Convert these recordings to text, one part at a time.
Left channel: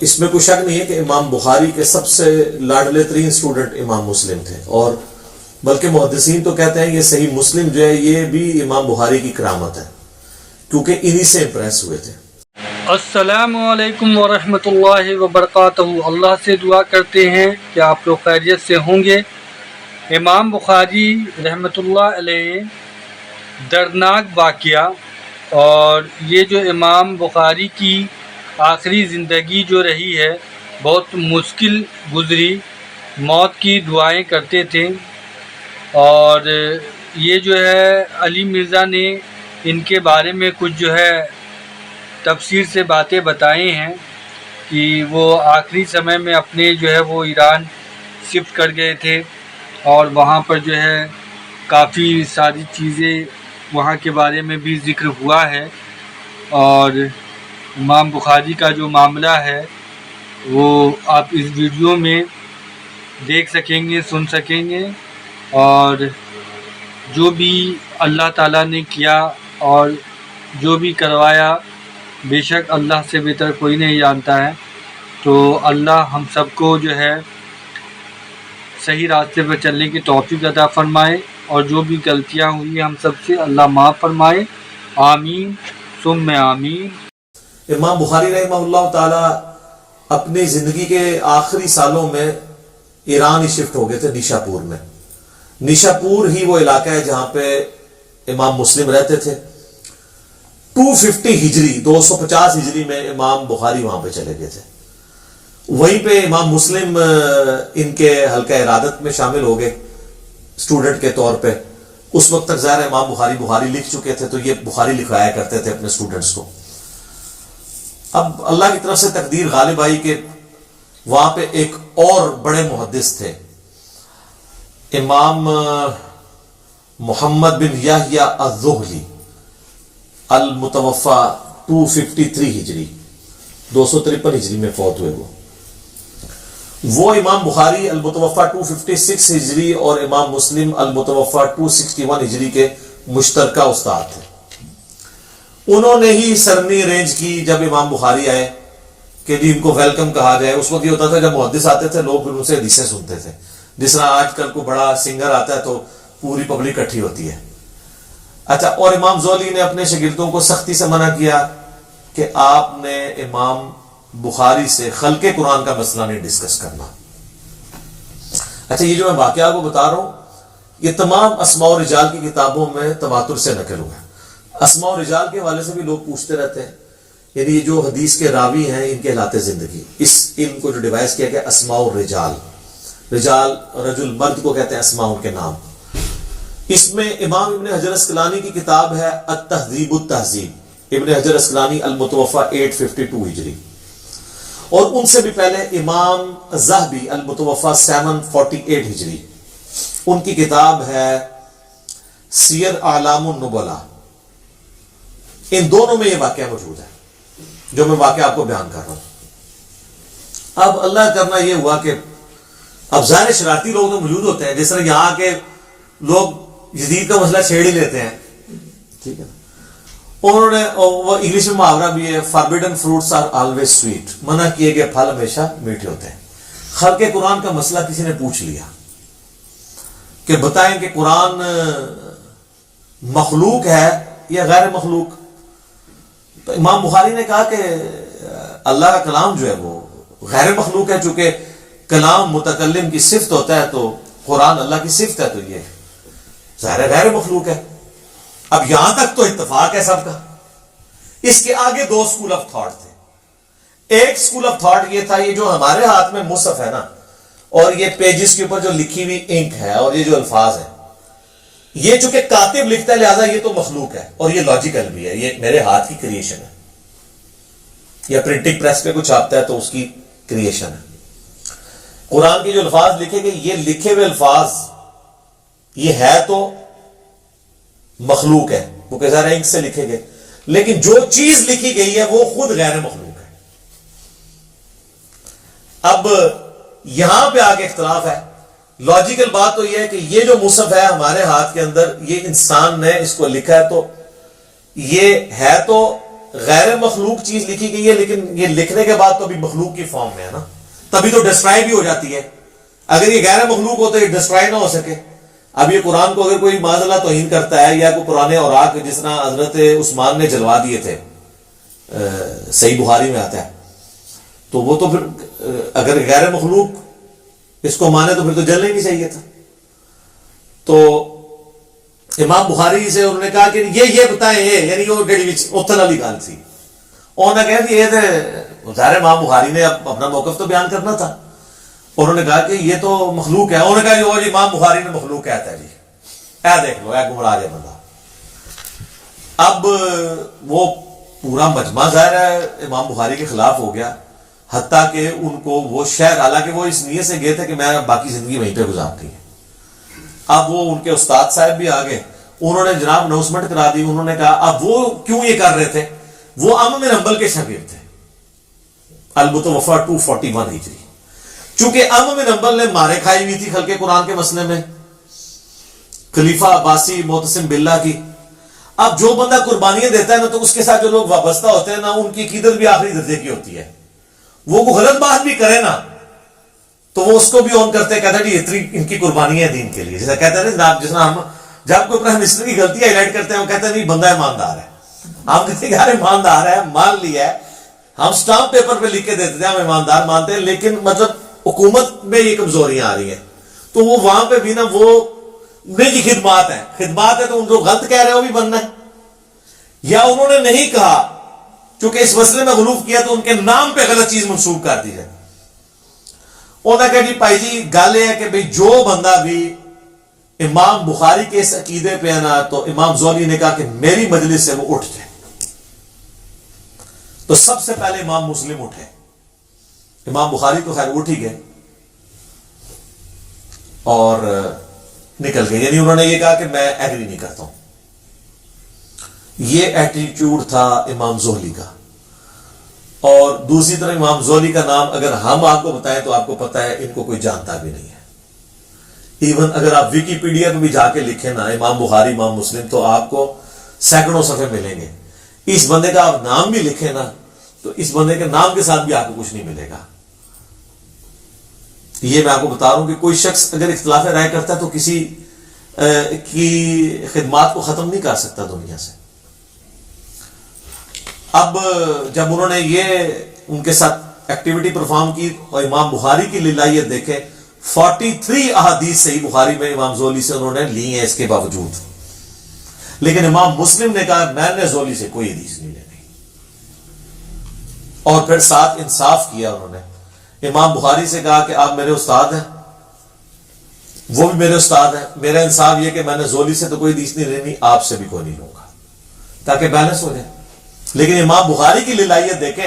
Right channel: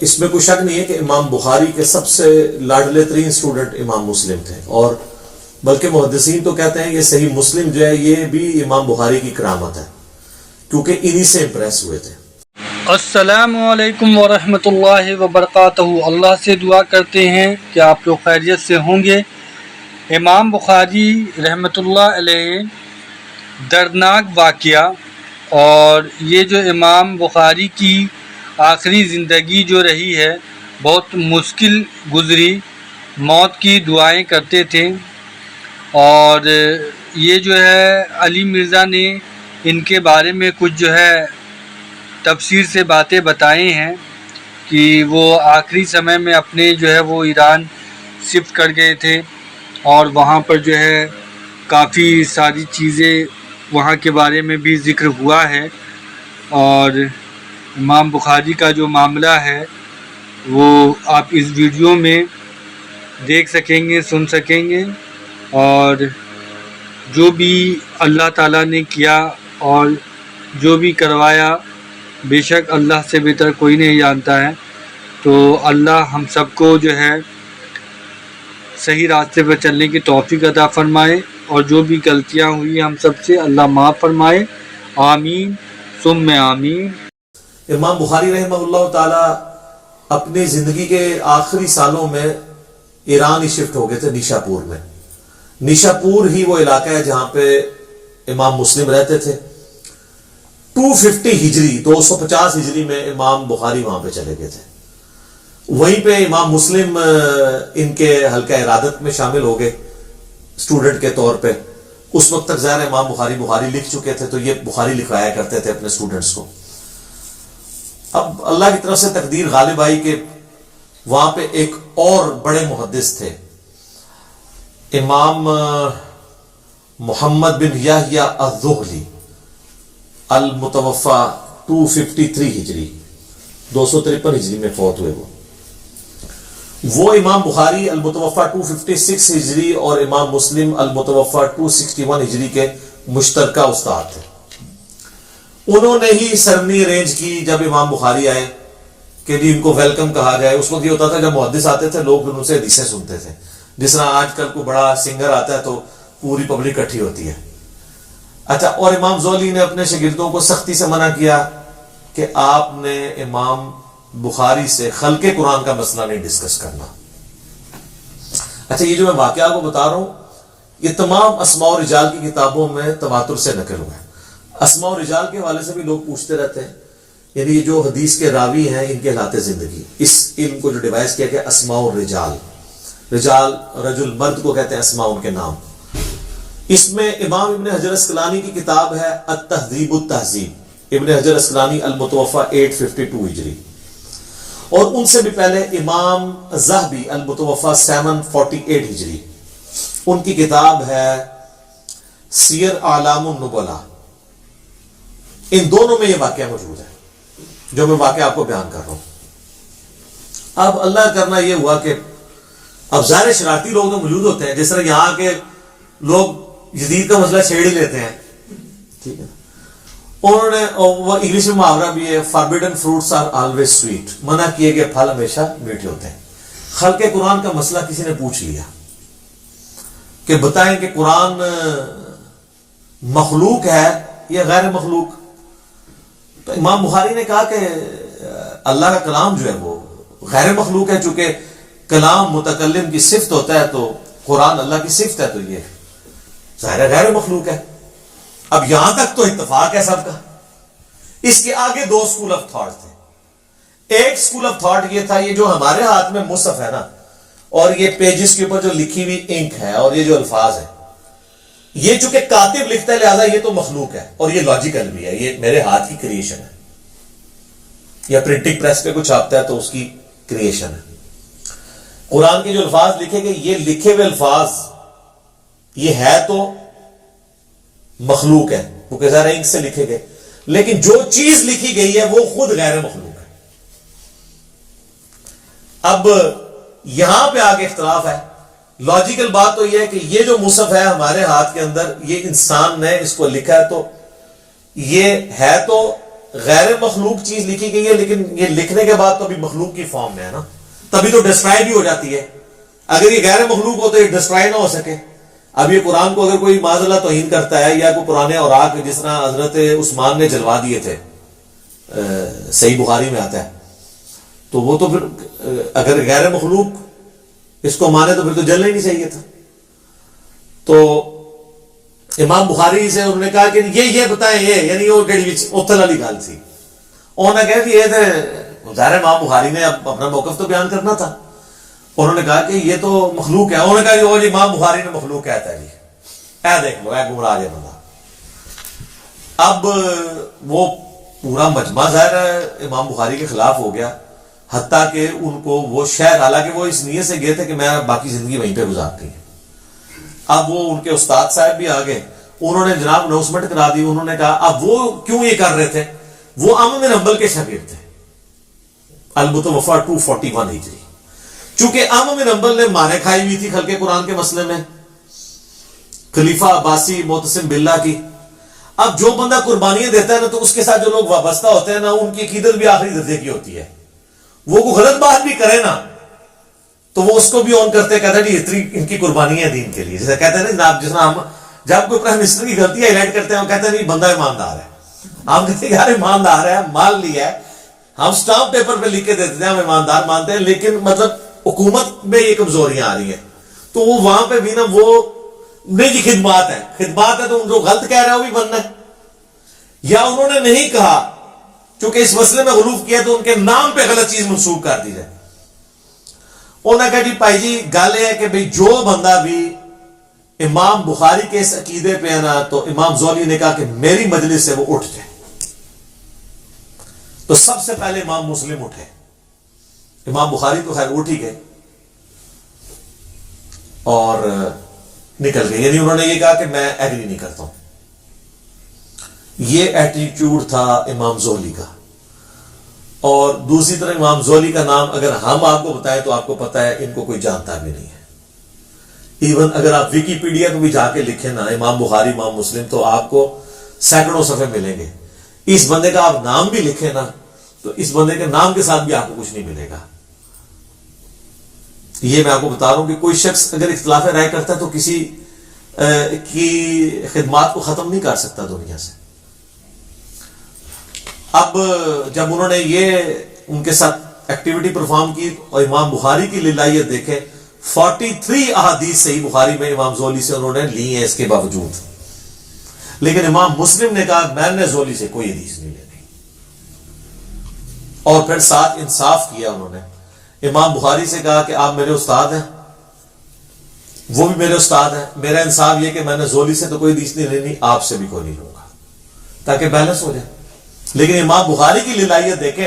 اس میں کوئی شک نہیں ہے کہ امام بخاری کے سب سے لاڈلے ترین سٹوڈنٹ امام مسلم تھے، اور بلکہ محدثین تو کہتے ہیں یہ صحیح مسلم جو ہے یہ بھی امام بخاری کی کرامت ہے، کیونکہ انہی سے امپریس ہوئے تھے۔ السلام علیکم ورحمۃ اللہ وبرکاتہ۔ اللہ سے دعا کرتے ہیں کہ آپ لوگ خیریت سے ہوں گے۔ امام بخاری رحمۃ اللہ علیہ دردناک واقعہ، اور یہ جو امام بخاری کی آخری زندگی جو رہی ہے بہت مشکل گزری، موت کی دعائیں کرتے تھے، اور یہ جو ہے علی مرزا نے ان کے بارے میں کچھ جو ہے تفسیر سے باتیں بتائی ہیں کہ وہ آخری سمے میں اپنے جو ہے وہ ایران شفٹ کر گئے تھے، اور وہاں پر جو ہے کافی ساری چیزیں وہاں کے بارے میں بھی ذکر ہوا ہے، اور امام بخاری کا جو معاملہ ہے وہ آپ اس ویڈیو میں دیکھ سکیں گے، سن سکیں گے، اور جو بھی اللہ تعالیٰ نے کیا اور جو بھی کروایا بے شک اللہ سے بہتر کوئی نہیں جانتا ہے۔ تو اللہ ہم سب کو جو ہے صحیح راستے پر چلنے کی توفیق عطا فرمائے، اور جو بھی غلطیاں ہوئی ہم سب سے اللہ معاف فرمائے، آمین ثم آمین۔ امام بخاری رحمہ اللہ تعالی اپنی زندگی کے آخری سالوں میں ایران ہی شفٹ ہو گئے تھے، نیشا پور میں۔ نیشا پور ہی وہ علاقہ ہے جہاں پہ امام مسلم رہتے تھے۔ 250 ہجری 250 ہجری میں امام بخاری وہاں پہ چلے گئے تھے، وہیں پہ امام مسلم ان کے حلقہ ارادت میں شامل ہو گئے اسٹوڈنٹ کے طور پہ۔ اس وقت تک ظاہر امام بخاری لکھ چکے تھے، تو یہ بخاری لکھوایا کرتے تھے اپنے اسٹوڈنٹس کو۔ اب اللہ کی طرف سے تقدیر غالب آئی کہ وہاں پہ ایک اور بڑے محدث تھے، امام محمد بن یحییٰ الذہلی، المتوفا 253 ہجری 253 ہجری میں فوت ہوئے۔ وہ امام بخاری المتوفا 256 ہجری اور امام مسلم المتوفا 261 ہجری کے مشترکہ استاد تھے۔ انہوں نے ہی سرنی ارینج کی جب امام بخاری آئے کہ جی ان کو ویلکم کہا جائے۔ اس وقت یہ ہوتا تھا جب محدث آتے تھے لوگ پھر ان سے حدیثیں سنتے تھے، جس طرح آج کل کو بڑا سنگر آتا ہے تو پوری پبلک اکٹھی ہوتی ہے۔ اچھا، اور امام زولی نے اپنے شاگردوں کو سختی سے منع کیا کہ آپ نے امام بخاری سے خلق قرآن کا مسئلہ نہیں ڈسکس کرنا۔ اچھا، یہ جو میں واقعہ کو بتا رہا ہوں یہ تمام اسماء و رجال کی کتابوں میں تواتر سے نقل ہوا ہے۔ اسماء و رجال کے حوالے سے بھی لوگ پوچھتے رہتے ہیں، یعنی یہ جو حدیث کے راوی ہیں ان کے حالات زندگی، اس علم کو جو ڈیوائز کیا گیا اسماء و رجال، رجال رجل مرد کو کہتے ہیں، اسماء ان کے نام۔ اس میں امام ابن حجر اسقلانی کی کتاب ہے التہذیب التہذیب، ابن حجر اسقلانی المتوفا 852 ہجری، اور ان سے بھی پہلے امام ذہبی المتوفا 748 ہجری، ان کی کتاب ہے سیر اعلام النبلاء۔ ان دونوں میں یہ واقعہ موجود ہے جو میں واقعہ آپ کو بیان کر رہا ہوں۔ اب اللہ کرنا یہ ہوا کہ اب ظاہر شرارتی لوگ تو موجود ہوتے ہیں، جس طرح یہاں کے لوگ جدید کا مسئلہ چھیڑ ہی لیتے ہیں، ٹھیک ہے نا۔ انہوں نے وہ انگلش میں محاورہ بھی ہے، forbidden fruits are always sweet, منع کیے گئے پھل ہمیشہ میٹھے ہوتے ہیں۔ خلق قرآن کا مسئلہ کسی نے پوچھ لیا کہ بتائیں کہ قرآن مخلوق ہے یا غیر مخلوق؟ تو امام بخاری نے کہا کہ اللہ کا کلام جو ہے وہ غیر مخلوق ہے، چونکہ کلام متکلم کی صفت ہوتا ہے تو قرآن اللہ کی صفت ہے، تو یہ ظاہر غیر مخلوق ہے۔ اب یہاں تک تو اتفاق ہے سب کا۔ اس کے آگے دو سکول آف تھاٹ تھے۔ ایک سکول آف تھاٹ یہ تھا، یہ جو ہمارے ہاتھ میں مصحف ہے نا، اور یہ پیجز کے اوپر جو لکھی ہوئی انک ہے اور یہ جو الفاظ ہیں، یہ چونکہ کاتب لکھتا ہے لہذا یہ تو مخلوق ہے، اور یہ لاجیکل بھی ہے، یہ میرے ہاتھ کی کریشن ہے، یا پرنٹنگ پریس پہ کچھ چھاپتا ہے تو اس کی کریشن ہے۔ قرآن کے جو الفاظ لکھے گئے، یہ لکھے ہوئے الفاظ یہ ہے تو مخلوق ہے، کیونکہ ظاہر انک سے لکھے گئے، لیکن جو چیز لکھی گئی ہے وہ خود غیر مخلوق ہے۔ اب یہاں پہ آگے اختلاف ہے۔ لاجیکل بات تو یہ ہے کہ یہ جو مصحف ہے ہمارے ہاتھ کے اندر، یہ انسان نے اس کو لکھا ہے، تو یہ ہے تو غیر مخلوق چیز لکھی گئی ہے، لیکن یہ لکھنے کے بعد تو ابھی مخلوق کی فارم میں ہے نا، تبھی تو ڈسٹرائے بھی ہو جاتی ہے۔ اگر یہ غیر مخلوق ہو تو یہ ڈسٹرائے نہ ہو سکے۔ اب یہ قرآن کو اگر کوئی معاذ اللہ توہین کرتا ہے، یا کوئی پرانے اوراق جس طرح حضرت عثمان نے جلوا دیے تھے، صحیح بخاری میں آتا ہے، تو وہ تو پھر اگر غیر مخلوق اس کو مانے تو پھر تو جلنا ہی نہیں چاہیے تھا۔ تو امام بخاری سے انہوں نے کہا کہ یہ بتائیں، یہ یعنی وہ جڑی اتھل والی گل سی، انہوں نے کہا کہ یہ تو ظاہر امام بخاری نے اب اپنا موقف تو بیان کرنا تھا، انہوں نے کہا کہ یہ تو مخلوق ہے۔ انہوں نے کہا جی امام بخاری نے مخلوق کہتا ہے، جی اے دیکھ لو، اے گمراہ ہے بندہ۔ اب وہ پورا مجمع ظاہر ہے امام بخاری کے خلاف ہو گیا، حتیٰ کہ ان کو وہ شہر، حالانکہ وہ اس نیت سے گئے تھے کہ میں باقی زندگی وہیں پہ گزارتی ہے۔ اب وہ ان کے استاد صاحب بھی آ گئے، انہوں نے جناب اناؤنسمنٹ کرا دی، انہوں نے کہا اب وہ کیوں یہ کر رہے تھے، وہ عمرو بن حنبل کے شاگرد تھے، المتوفی 241 ہجری۔ چونکہ عمرو بن حنبل نے مارے کھائی ہوئی تھی خلق قرآن کے مسئلے میں، خلیفہ عباسی معتصم باللہ کی۔ اب جو بندہ قربانیاں دیتا ہے نا، تو اس کے ساتھ جو لوگ وابستہ ہوتے ہیں نا، ان کی عقیدت بھی آخری درجے کی ہوتی ہے۔ وہ کوئی غلط بات بھی کرے نا تو وہ اس کو بھی آن کرتے ہیں، کہتا ہے جی اتنی ان کی قربانی ہے دین کے لیے، جیسا کہتے ہیں نا جناب، جس طرح ہم جب کوئی پرائم منسٹر کی غلطی ہائی لائٹ کرتے ہیں، ہم کہتے ہیں نہیں بندہ ایماندار ہے، ہم کہتے ہیں کہ یار ایماندار ہے، مان لیا ہے، ہم سٹامپ پیپر پہ لکھ کے دیتے ہیں ہم ایماندار مانتے ہیں، لیکن مطلب حکومت میں یہ کمزوریاں آ رہی ہیں، تو وہ وہاں پہ بھی نا وہ نہیں جی خدمات ہے تو ان جو غلط کہہ رہے ہیں وہ بھی بننا ہے، یا انہوں نے نہیں کہا چونکہ اس مسئلے میں غلوف کیا تو ان کے نام پہ غلط چیز منسوب کر دی جائے۔ انہوں نے کہا جی بھائی جی گل یہ ہے کہ بھائی جو بندہ بھی امام بخاری کے اس عقیدے پہ ہے نا، تو امام زولی نے کہا کہ میری مجلس سے وہ اٹھ جائے۔ تو سب سے پہلے امام مسلم اٹھے، امام بخاری تو خیر اٹھ ہی گئے اور نکل گئے، یعنی انہوں نے یہ کہا کہ میں ایگری نہیں کرتا ہوں۔ یہ ایٹیٹیوڈ تھا امام زہلی کا۔ اور دوسری طرف امام زہلی کا نام اگر ہم آپ کو بتائیں تو آپ کو پتہ ہے ان کو کوئی جانتا بھی نہیں ہے۔ ایون اگر آپ وکی پیڈیا پہ بھی جا کے لکھیں نا امام بخاری امام مسلم، تو آپ کو سینکڑوں صفحے ملیں گے۔ اس بندے کا آپ نام بھی لکھیں نا تو اس بندے کے نام کے ساتھ بھی آپ کو کچھ نہیں ملے گا۔ یہ میں آپ کو بتا رہا ہوں کہ کوئی شخص اگر اختلاف رائے کرتا ہے تو کسی کی خدمات کو ختم نہیں کر سکتا دنیا سے۔ اب جب انہوں نے یہ ان کے ساتھ ایکٹیویٹی پرفارم کی اور امام بخاری کی للہیت دیکھیں، 43 احادیث صحیح بخاری میں امام زولی سے انہوں نے لی ہیں اس کے باوجود، لیکن امام مسلم نے کہا میں نے زولی سے کوئی حدیث نہیں لینی، اور پھر ساتھ انصاف کیا انہوں نے۔ امام بخاری سے کہا کہ آپ میرے استاد ہیں، وہ بھی میرے استاد ہیں، میرا انصاف یہ کہ میں نے زولی سے تو کوئی حدیث نہیں لینی، آپ سے بھی کوئی نہیں لوں گا، تاکہ بیلنس ہو جائے۔ لیکن امام بخاری کی للہیت دیکھیں،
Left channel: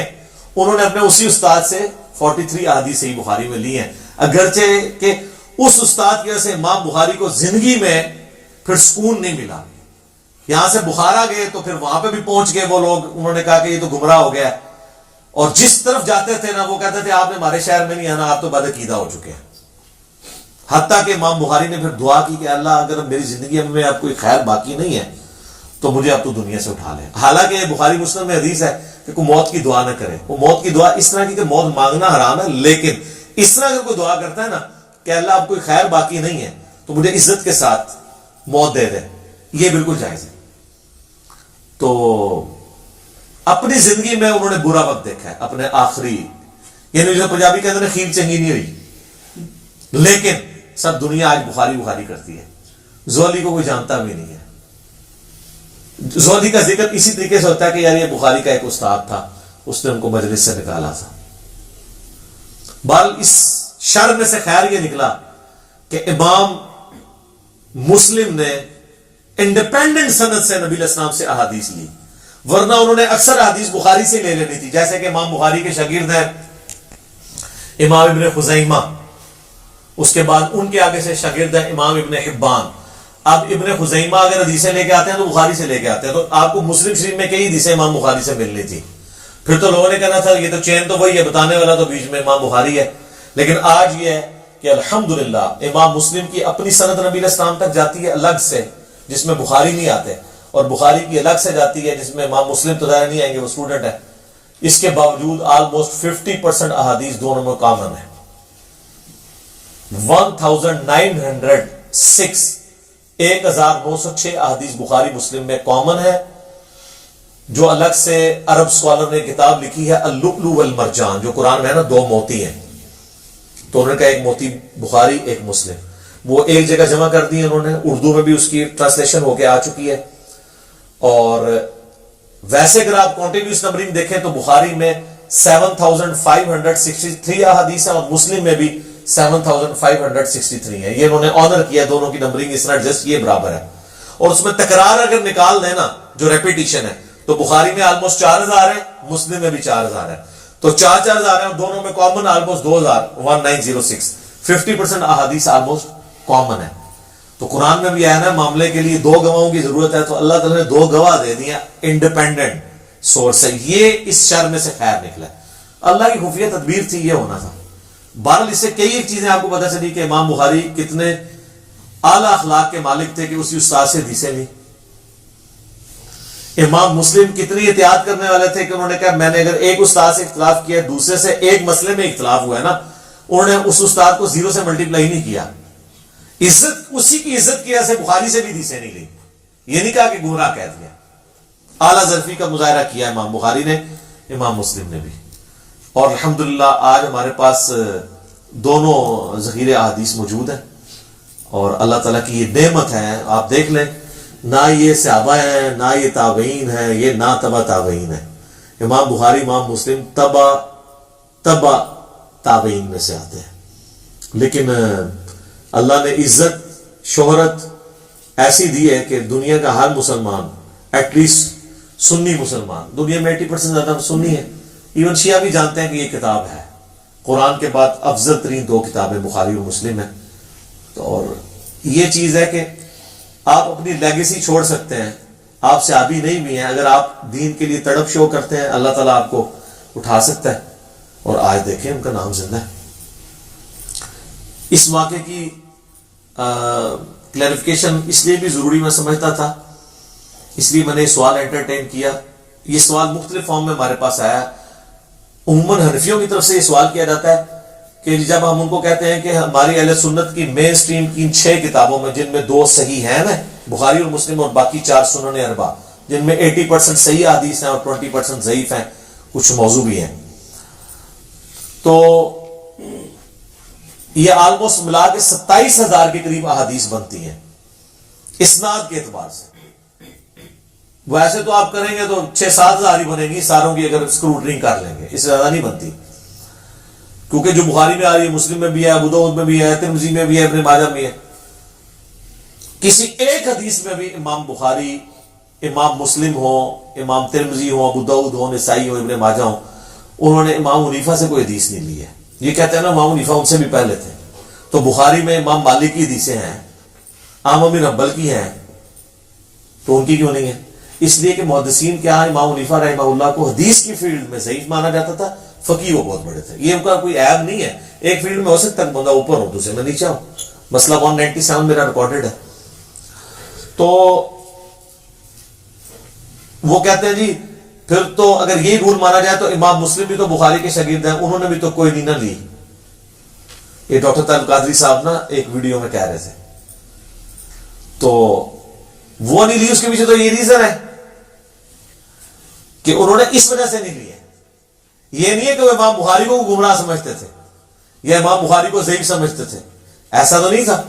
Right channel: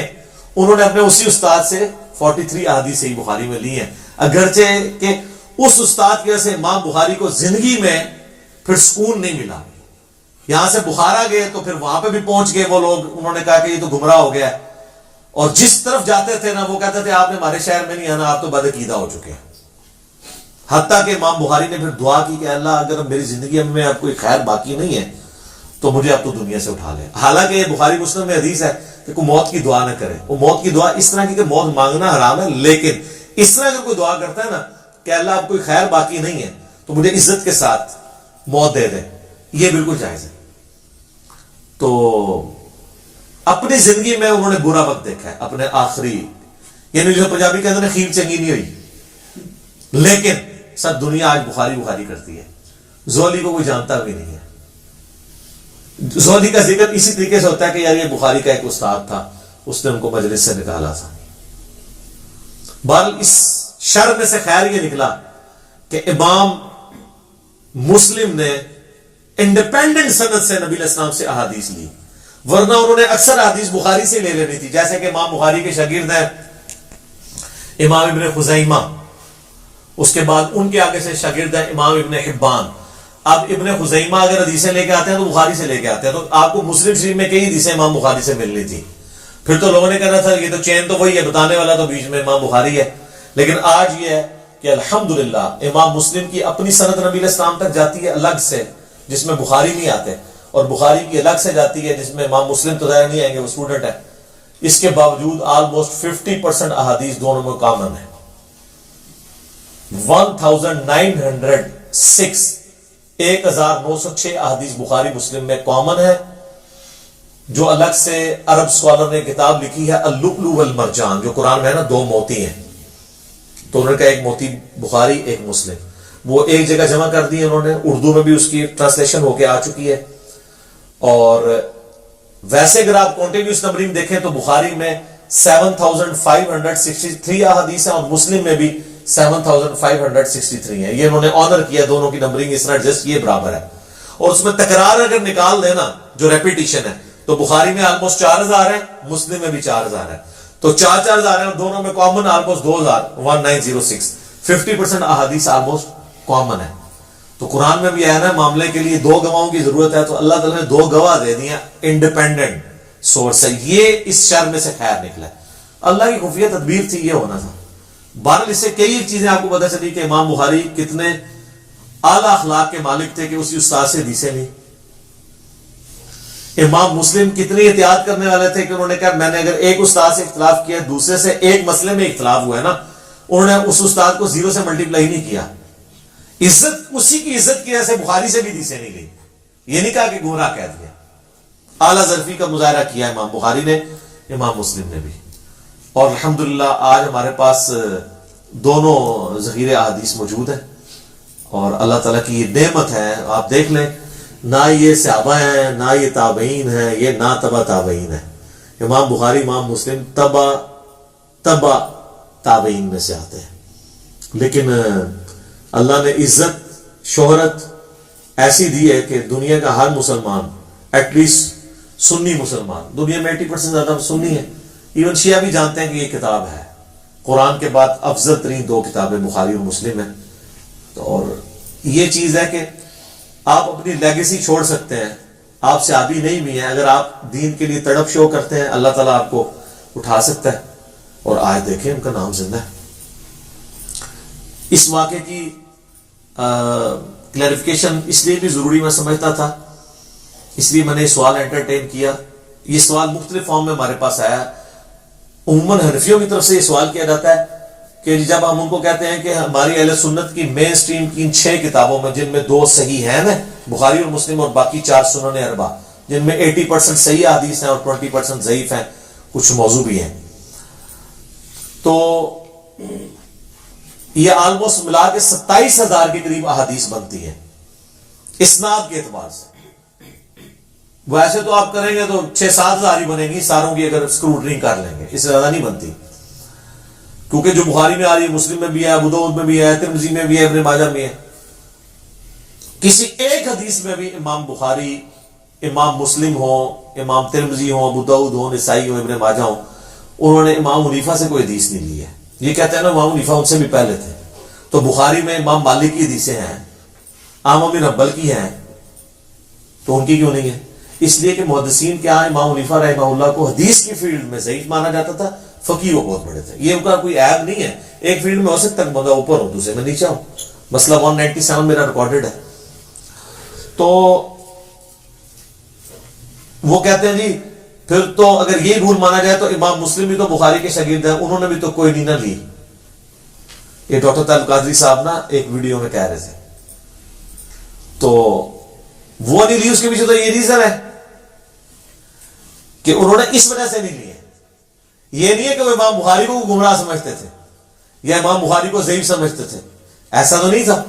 انہوں نے اپنے اسی استاد سے 43 احادیث صحیح بخاری میں لی ہیں، اگرچہ کہ اس استاد کی وجہ سے امام بخاری کو زندگی میں پھر سکون نہیں ملا۔ یہاں سے بخارا گئے تو پھر وہاں پہ بھی پہنچ گئے وہ لوگ، انہوں نے کہا کہ یہ تو گمراہ ہو گیا ہے، اور جس طرف جاتے تھے نا وہ کہتے تھے آپ نے ہمارے شہر میں نہیں آنا، آپ تو بدعقیدہ ہو چکے ہیں۔ حتیٰ کہ امام بخاری نے پھر دعا کی کہ اللہ اگر میری زندگی میں اب کوئی خیر باقی نہیں ہے تو مجھے اب تو دنیا سے اٹھا لے۔ حالانکہ بخاری مسلم میں حدیث ہے کہ کوئی موت کی دعا نہ کرے، وہ موت کی دعا اس طرح کی کہ موت مانگنا حرام ہے، لیکن اس طرح اگر کوئی دعا کرتا ہے نا کہ اللہ اب کوئی خیر باقی نہیں ہے تو مجھے عزت کے ساتھ موت دے دے، یہ بالکل جائز ہے۔ تو اپنی زندگی میں انہوں نے برا وقت دیکھا ہے، اپنے آخری، یعنی جو پنجابی کہتے ہیں خیر چنگی نہیں ہوئی، لیکن سب دنیا آج بخاری کرتی ہے، زہلی کو کوئی جانتا بھی نہیں ہے۔ زہلی کا ذکر اسی طریقے سے ہوتا ہے کہ یار یہ بخاری کا ایک استاد تھا، اس نے ان کو مجلس سے نکالا تھا۔ بل اس شر میں سے خیر یہ نکلا کہ امام مسلم نے انڈیپینڈنٹ سند سے نبی علیہ السلام سے احادیث لی، ورنہ انہوں نے اکثر احادیث بخاری سے لے لینی تھی۔ جیسے کہ امام بخاری کے شاگرد ہیں امام ابن خزیمہ، اس کے بعد ان کے آگے سے شاگرد ہیں امام ابن حبان۔ اب ابن خزیمہ اگر حدیثیں لے کے آتے ہیں تو بخاری سے لے کے آتے ہیں، تو آپ کو مسلم شریف میں کئی حدیثیں امام بخاری سے ملنی تھی، پھر تو لوگوں نے کہنا تھا یہ تو چین تو وہی ہے، بتانے والا تو بیچ میں امام بخاری ہے۔ لیکن آج یہ ہے کہ الحمدللہ امام مسلم کی اپنی سند نبی علیہ السلام تک جاتی ہے الگ سے، جس میں بخاری نہیں آتے، اور بخاری کی الگ سے جاتی ہے جس میں امام مسلم تو ظاہر نہیں آئیں گے، وہ اسٹوڈنٹ ہے، اس کے باوجود آلموسٹ 50% احادیث دونوں میں کامن ہے۔ 1906 احادیث بخاری مسلم میں کامن ہے، جو الگ سے عرب سکالر نے کتاب لکھی ہے اللؤلؤ والمرجان، جو قرآن میں ہے نا 2 موتی ہیں، تو انہوں نے کہا ایک موتی بخاری ایک مسلم، وہ ایک جگہ جمع کر دی انہوں نے، اردو میں بھی اس کی ٹرانسلیشن ہو کے آ چکی ہے۔ اور ویسے اگر آپ کنٹینیوس نمبرنگ دیکھیں تو بخاری میں 7563 احادیث ہیں اور مسلم میں بھی 7563 ہیں۔ یہ انہوں نے آنر کیا دونوں کی نمبرنگ، اس ناٹ جسٹ یہ برابر ہے۔ اور اس میں تکرار اگر نکال دیں نا، جو ریپیٹیشن ہے، تو بخاری میں آلموسٹ 4000 ہے، مسلم میں بھی 4000 ہے، تو 4000 ہیں اور دونوں میں کامن آلموسٹ 1906، 50% احادیث آلموسٹ کامن ہے۔ تو قرآن میں بھی آیا نا معاملے کے لیے 2 گواہوں کی ضرورت ہے، تو اللہ تعالیٰ نے 2 گواہ دے دیے انڈیپینڈنٹ سورس ہے، یہ اس شر میں سے خیر نکلا، اللہ کی خفیہ تدبیر تھی، یہ ہونا تھا۔ بہرحال اس سے کئی ایک چیزیں آپ کو پتہ چلی کہ امام بخاری کتنے اعلیٰ اخلاق کے مالک تھے کہ اسی استاد سے حدیثیں لی۔ امام مسلم کتنی احتیاط کرنے والے تھے کہ انہوں نے کہا میں نے اگر ایک استاد سے اختلاف کیا، دوسرے سے ایک مسئلے میں اختلاف ہوا ہے نا، انہوں نے اس استاد کو 0 سے ملٹیپلائی نہیں کیا، عزت اسی کی عزت کی وجہ سے بخاری سے بھی حدیثیں نہیں لی، یہ نہیں کہا کہ گمراہ کہہ دیا۔ اعلیٰ ظرفی کا مظاہرہ کیا امام بخاری نے، امام مسلم نے بھی۔ اور الحمدللہ آج ہمارے پاس دونوں ذخیرے احادیث موجود ہیں، اور اللہ تعالیٰ کی یہ نعمت ہے۔ آپ دیکھ لیں، نہ یہ صحابہ ہیں، نہ یہ تابعین ہیں، یہ نہ تبع تابعین ہیں۔ امام بخاری امام مسلم تبع تابعین میں سے آتے ہیں، لیکن اللہ نے عزت شہرت ایسی دی ہے کہ دنیا کا ہر مسلمان، ایٹ لیسٹ سنی مسلمان، دنیا میں 80% زیادہ سنی ہے، ایون شیعہ بھی جانتے ہیں کہ یہ کتاب ہے، قرآن کے بعد افضل ترین 2 کتابیں بخاری اور مسلم ہیں۔ اور یہ چیز ہے کہ آپ اپنی لیگیسی چھوڑ سکتے ہیں، آپ صحابی نہیں بھی ہیں، اگر آپ دین کے لیے تڑپ شو کرتے ہیں، اللہ تعالیٰ آپ کو اٹھا سکتا ہے، اور آج دیکھیں ان کا نام زندہ ہے۔ اس واقعے کی کلیریفیکیشن اس لیے بھی ضروری میں سمجھتا تھا، اس لیے میں نے سوال انٹرٹین کیا۔ یہ سوال مختلف فارم میں ہمارے پاس آیا، عموماً حنفیوں کی طرف سے یہ سوال کیا جاتا ہے کہ جب ہم ان کو کہتے ہیں کہ ہماری اہل سنت کی مین سٹریم کی ان 6 کتابوں میں، جن میں 2 صحیح ہیں نا، بخاری اور مسلم، اور باقی 4 سنن اربع، جن میں 80% صحیح حدیث ہیں اور 20% ضعیف ہیں، کچھ موضوع بھی ہیں، تو یہ آلموسٹ ملا کے 27,000 کے قریب احادیث بنتی ہیں اسناد کے اعتبار سے۔ ویسے تو آپ کریں گے تو 6-7 ہزار ہی بنے گی ساروں کی، اگر اسکروٹنگ کر لیں گے، اس سے زیادہ نہیں بنتی، کیونکہ جو بخاری میں آ رہی ہے، مسلم میں بھی ہے، ابو داؤد میں بھی ہے، ترمذی میں بھی ہے، ابن ماجہ میں ہے۔ کسی ایک حدیث میں بھی امام بخاری، امام مسلم ہو، امام ترمذی ہو، ابو داؤد ہو، نسائی ہو، ابن ماجہ ہو، انہوں نے امام حنیفہ سے کوئی حدیث نہیں لی ہے۔ یہ کہتے ہیں نا امام حنیفہ ان سے بھی پہلے تھے، تو بخاری میں امام مالک کی حدیثیں ہیں، احمد بن حنبل کی ہیں، تو ان کی کیوں نہیں ہے؟ اس لیے کہ محدثین کے ہاں امام حنیفہ رحمہ اللہ کو حدیث کی فیلڈ میں ضعیف مانا جاتا تھا، فقیہ وہ بہت بڑے تھے۔ یہ ان کا کوئی عیب نہیں ہے، ایک فیلڈ میں ہو سکتا ہے کہ بندہ اوپر ہو، دوسرے میں نیچے ہو، مسئلہ 197 میرا ریکارڈڈ ہے۔ تو وہ کہتے ہیں جی پھر تو اگر یہ رول مانا جائے تو امام مسلم بھی تو بخاری کے شاگرد ہیں، انہوں نے بھی تو کوئی نہیں نہ لی۔ یہ ڈاکٹر طالب قادری صاحب نا ایک ویڈیو میں کہہ رہے تھے، تو وہ نہیں لی، اس کے پیچھے تو یہ ریزن ہے کہ انہوں نے اس وجہ سے نہیں لی ہے۔ یہ نہیں ہے کہ وہ امام بخاری کو گمراہ سمجھتے تھے یا امام بخاری کو ضعیف سمجھتے تھے، ایسا تو نہیں تھا۔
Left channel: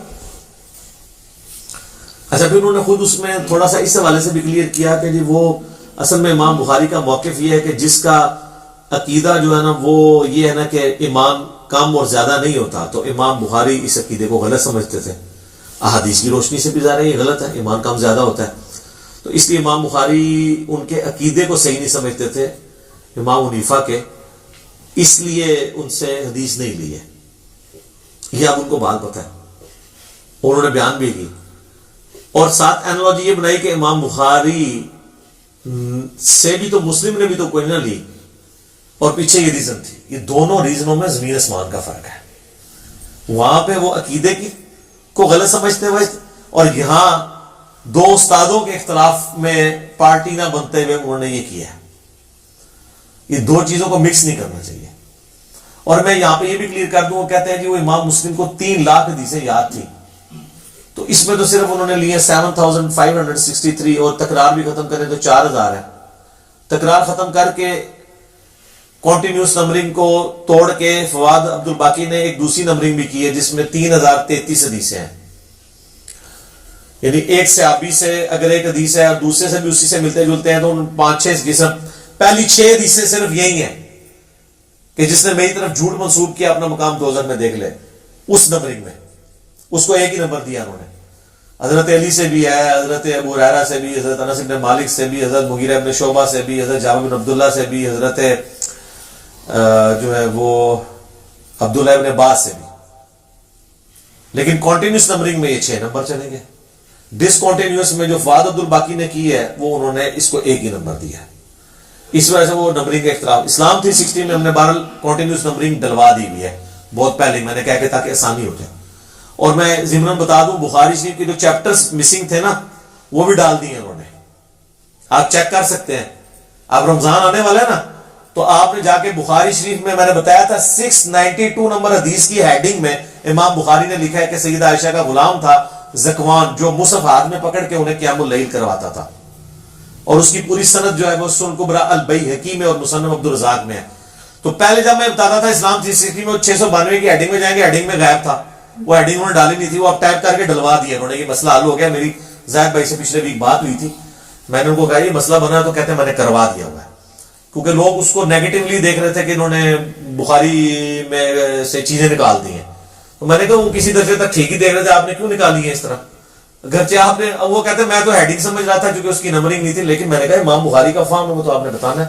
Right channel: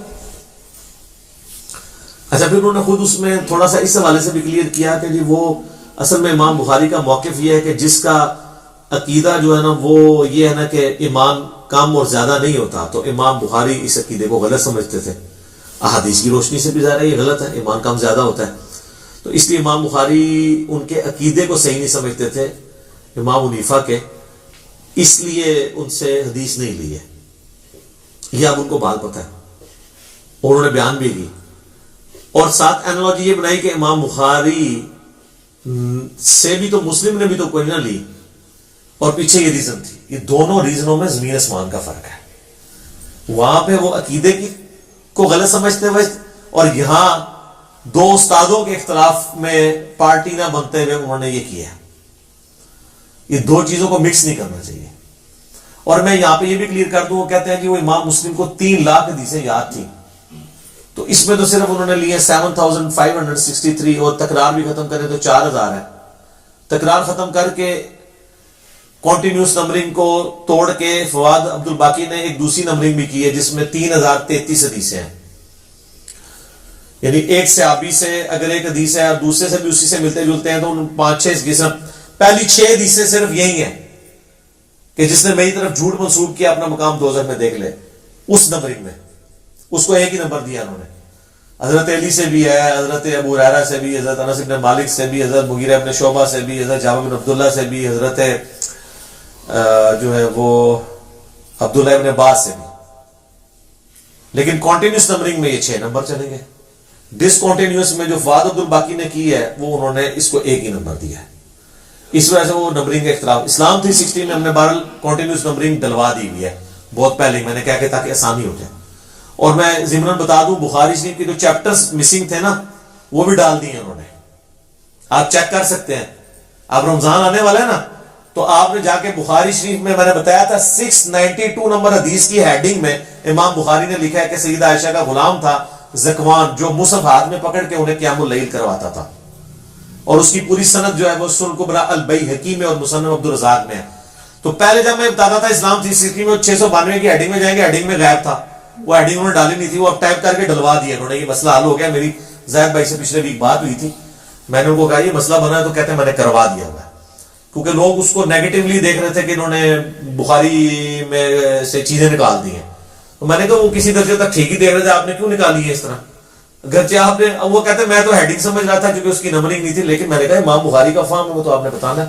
اچھا، پھر انہوں نے خود اس میں تھوڑا سا اس حوالے سے بھی کلیئر کیا کہ جی وہ اصل میں امام بخاری کا موقف یہ ہے کہ جس کا عقیدہ جو ہے نا وہ یہ ہے نا کہ ایمان کم اور زیادہ نہیں ہوتا، تو امام بخاری اس عقیدے کو غلط سمجھتے تھے۔ احادیث کی روشنی سے بھی ظاہر ہے یہ غلط ہے، ایمان کم زیادہ ہوتا ہے، تو اس لیے امام بخاری ان کے عقیدے کو صحیح نہیں سمجھتے تھے امام حنیفہ کے، اس لیے ان سے حدیث نہیں لی ہے۔ یہ اب ان کو بات پتہ ہے، اور انہوں نے بیان بھی کی، اور ساتھ اینالوجی یہ بنائی کہ امام بخاری سے بھی تو مسلم نے بھی تو کوئی نہ لی، اور پیچھے یہ ریزن تھی۔ یہ دونوں ریزنوں میں زمین آسمان کا فرق ہے، وہاں پہ وہ عقیدے کو غلط سمجھتے ہوئے، اور یہاں دو استادوں کے اختلاف میں پارٹی نہ بنتے ہوئے انہوں نے یہ کیا ہے. یہ دو چیزوں کو مکس نہیں کرنا چاہیے. اور میں یہاں پہ یہ بھی کلیئر کر دوں, وہ کہتے ہیں جی وہ امام مسلم کو 3 لاکھ حدیثیں یاد تھی, تو اس میں تو صرف انہوں نے لیے 7563, اور تکرار بھی ختم کریں تو 4000 ہے. تکرار ختم کر کے کنٹینیوس نمبرنگ کو توڑ کے فواد عبد الباقی نے ایک دوسری نمبرنگ بھی کی ہے جس میں 3033 حدیثیں ہیں. یعنی ایک صحابی سے اگر ایک حدیث ہے اور دوسرے سے بھی اسی سے ملتے جلتے ہیں تو 5-6 حدیثیں, پہلی 6 حدیثیں صرف یہی ہیں کہ جس نے میری طرف جھوٹ منسوب کیا اپنا مقام دوزخ میں دیکھ لے. اس نمبرنگ میں اس کو ایک ہی نمبر دیا انہوں نے. حضرت علی سے بھی ہے, حضرت ابو ہریرہ سے بھی, حضرت انس بن مالک سے بھی, حضرت مغیرہ بن شعبہ سے بھی, حضرت جابر بن عبداللہ سے بھی, حضرت جو ہے وہ عبداللہ ابن عباس سے بھی. لیکن کنٹینیوس نمبرنگ میں یہ 6 نمبر چلیں گے. ڈس کنٹینیوس میں جو فواد عبد الباقی نے کی ہے وہ انہوں نے اس کو ایک ہی نمبر دیا ہے. اس وجہ سے وہ نمبرنگ کا اختلاف. اسلام 360 میں ہم نے بہرحال کنٹینیوس نمبرنگ ڈلوا دی ہوئی ہے بہت پہلے, میں نے کہا کہ تاکہ آسانی ہو جائے. اور میں ضمن بتا دوں بخاری شریف کے جو چیپٹرز مسنگ تھے نا وہ بھی ڈال دیے انہوں نے, آپ چیک کر سکتے ہیں. اب رمضان آنے والا ہے نا تو آپ نے جا کے بخاری شریف میں نے بتایا تھا 692 نمبر حدیث کی ہیڈنگ میں امام بخاری نے لکھا ہے کہ سیدہ عائشہ کا غلام تھا زکوان جو مصحف ہاتھ میں پکڑ کے انہیں قیام اللیل کرواتا تھا, اور اس کی پوری سند جو ہے وہ سنن کبریٰ البیہقی میں اور مصنف عبدالرزاق میں ہے. تو پہلے جب میں بتاتا تھا اسلام 360 میں 692 کی ہیڈنگ میں جائیں گے, ہیڈنگ میں غائب تھا, وہ ہیڈنگ انہوں نے ڈالی نہیں تھی, وہ اب ٹائپ کر کے ڈلوا دیا انہوں نے. یہ مسئلہ حل ہو گیا. میری زاہد بھائی سے پچھلے ویک بات ہوئی تھی, میں نے ان کو کہا یہ مسئلہ بنا ہے, تو کہتے ہیں میں نے کروا دیا ہوا ہے, کیونکہ لوگ اس کو نیگیٹولی دیکھ رہے تھے کہ انہوں نے بخاری میں سے چیزیں نکال دی ہیں. تو میں نے کہا وہ کسی درجے تک ٹھیک ہی دیکھ رہے تھے, آپ نے کیوں نکالی ہے اس طرح, گرچہ آپ نے. وہ کہتے ہیں میں تو ہیڈنگ سمجھ رہا تھا کیونکہ اس کی نمبرنگ نہیں تھی, لیکن میں نے کہا امام بخاری کا فہم ہے وہ تو آپ نے بتانا ہے.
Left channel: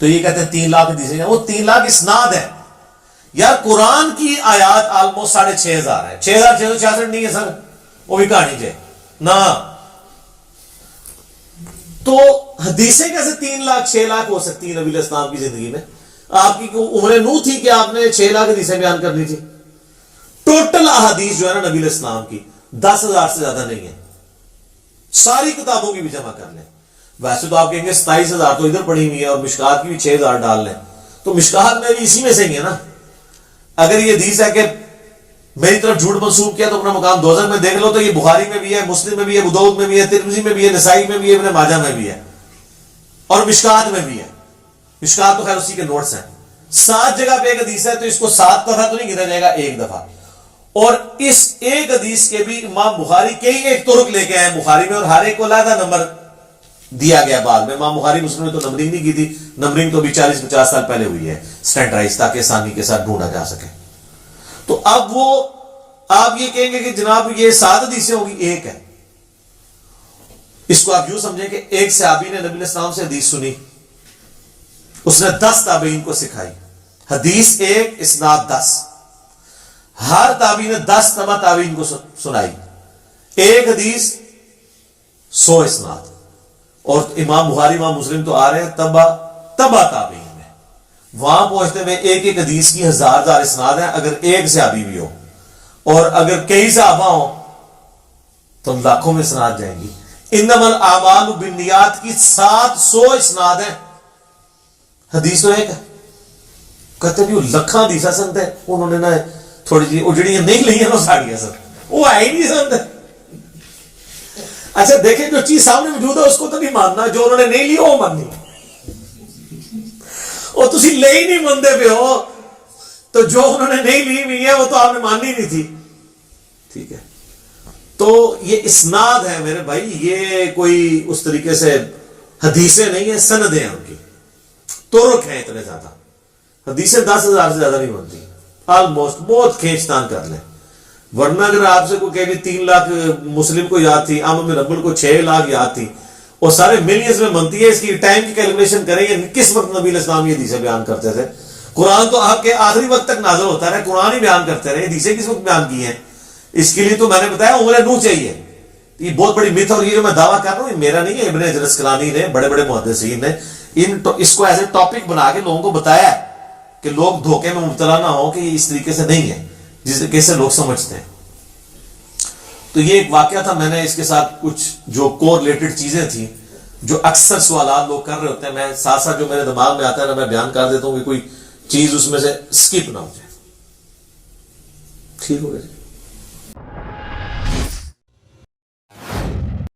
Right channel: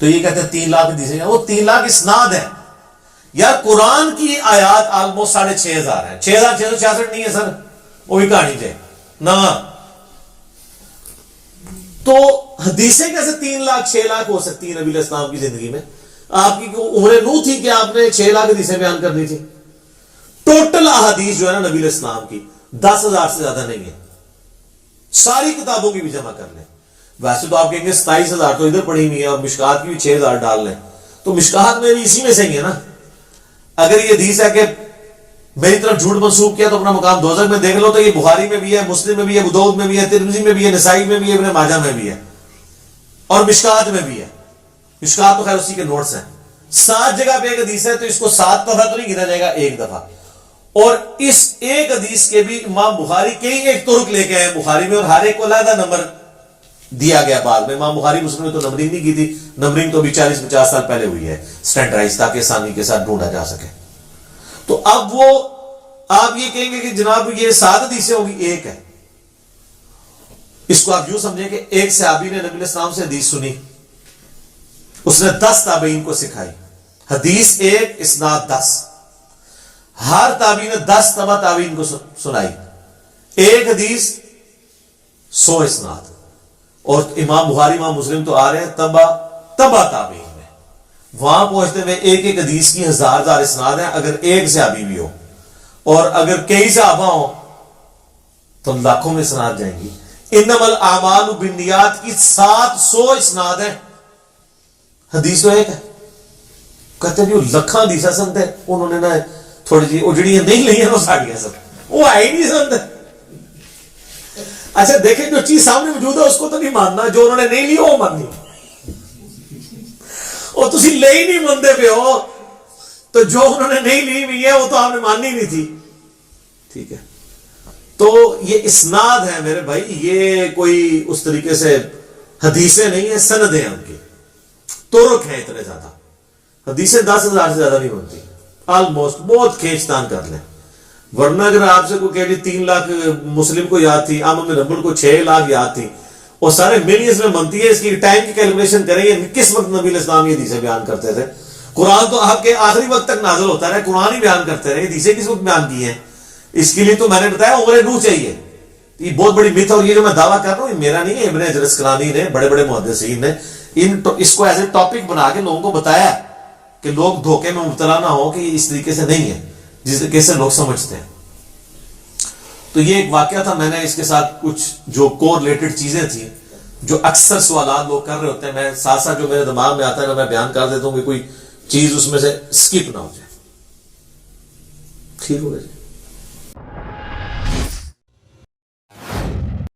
تو یہ کہتے ہیں 3 لاکھ حدیثیں, وہ 3 لاکھ اسناد ہے یار. قرآن کی آیات آلموسٹ 6500 ہیں, 6666 نہیں ہے سر, وہ بھی کہانی چاہیے نا. تو حدیثیں کیسے 3 لاکھ 6 لاکھ ہو سکتی ہیں نبی علیہ السلام کی زندگی میں؟ آپ کی عمر نو تھی کہ آپ نے 6 لاکھ حدیثیں بیان کرنی تھی. ٹوٹل احادیث جو ہے نا نبی علیہ السلام کی 10,000 سے زیادہ نہیں ہے. ساری کتابوں کی بھی جمع کر لیں. ویسے تو آپ کہیں گے 27,000 تو ادھر پڑھی ہوئی ہے اور مشکات کی بھی 6,000 ڈال لیں, تو مشکات میں بھی اسی میں سے ہی ہے نا. اگر یہ حدیث ہے کہ میری طرف جھوٹ منسوب کیا تو اپنا مقام دوزخ میں دیکھ لو, تو یہ بخاری میں بھی ہے, مسلم میں بھی ہے, ابو داؤد میں بھی ہے, ترمذی میں بھی ہے, نسائی میں بھی ہے, ابن ماجہ میں بھی ہے, اور مشکات میں بھی ہے. مشکات تو خیر اسی کے نوٹس ہیں. 7 جگہ پہ ایک حدیث ہے, تو اس کو 7 دفعہ تو نہیں گنا جائے گا, 1 دفعہ. اور اس ایک حدیث کے بھی امام بخاری کئی ایک طرق لے کے آئے بخاری میں, اور ہر ایک کو علیحدہ نمبر دیا گیا. بعد میں امام بخاری مسلم نے تو نمبرنگ نہیں کی تھی, نمبرنگ تو بھی 40-50 سال پہلے ہوئی ہے سٹینڈرائز, تاکہ آسانی کے ساتھ ڈھونڈا جا سکے. تو اب وہ آپ یہ کہیں گے کہ جناب یہ 7 حدیثیں ہوگی, ایک ہے. اس کو آپ یوں سمجھیں کہ ایک صحابی نے نبی علیہ السلام سے حدیث سنی, اس نے 10 تابعین کو سکھائی. حدیث 1 اسناد 10, ہر تابعی نے 10 تبع تابعین کو سنائی. ایک حدیث 100 اسناد. اور امام بخاری امام مسلم تو آ رہے ہیں تبع تابعین میں, وہاں پہنچتے ہوئے ایک ایک حدیث کی 1000 اسناد ہیں. اگر ایک صحابی بھی ہو اور اگر کئی صحابہ ہوں تو لاکھوں میں اسناد جائیں گی. انما الاعمال بالنیات کی 700 اسناد ہیں. حدیث تو ایک ہے. کہتے ہیں لکھاں حدیثاں سنتے ہیں, انہوں نے نا تھوڑی جی وہ جڑیاں نہیں لی ہیں وہ ساڑیاں سر, وہ آئی نہیں سنتے. اچھا دیکھیں جو چیز سامنے موجود ہے اس کو تو نہیں ماننا, جو انہوں نے نہیں لی وہ ماننی. اور تسی لے ہی نہیں مانتے پہ ہو, تو جو انہوں نے نہیں لی ہوئی ہے وہ تو آپ نے ماننی نہیں تھی. ٹھیک ہے, تو یہ اسناد ہے میرے بھائی, یہ کوئی اس طریقے سے حدیثیں نہیں ہیں, سندیں ہیں ان کی, طرق ہیں اتنے زیادہ. حدیثیں 10,000 سے زیادہ نہیں بنتی آلموسٹ, بہت کھینچ تان کر لیں. ورنہ اگر آپ سے کوئی کہہ 3 لاکھ مسلم کو یاد تھی, عام بن حنبل کو 6 لاکھ یاد تھی, اور سارے ملینز میں بنتی ہے, اس کی ٹائم کی کیلکولیشن کریں یہ کس وقت نبی علیہ السلام یہ حدیثیں بیان کرتے تھے. قرآن تو آپ کے آخری وقت تک نازل ہوتا رہا, قرآن ہی بیان کرتے رہے, حدیثیں کس وقت بیان کی ہیں. اس کے لیے تو میں نے بتایا عمر نوح چاہیے. یہ بہت بڑی مت, اور یہ جو میں دعویٰ کر رہا ہوں یہ میرا نہیں ہے, ابن حجر اسقلانی نے, بڑے بڑے محدثین نے اس کو ایز اے ٹاپک بنا کے لوگوں کو بتایا ہے کہ لوگ دھوکے میں مبتلا نہ ہو کہ یہ اس طریقے سے نہیں ہے جس طریقے سے لوگ سمجھتے ہیں. تو یہ ایک واقعہ تھا، میں نے اس کے ساتھ کچھ جو کو ریلیٹڈ چیزیں تھیں جو اکثر سوالات لوگ کر رہے ہوتے ہیں، میں ساتھ ساتھ جو میرے دماغ میں آتا ہے نا میں بیان کر دیتا ہوں کہ کوئی چیز اس میں سے اسکپ نہ ہو جائے. ٹھیک ہو گیا جی.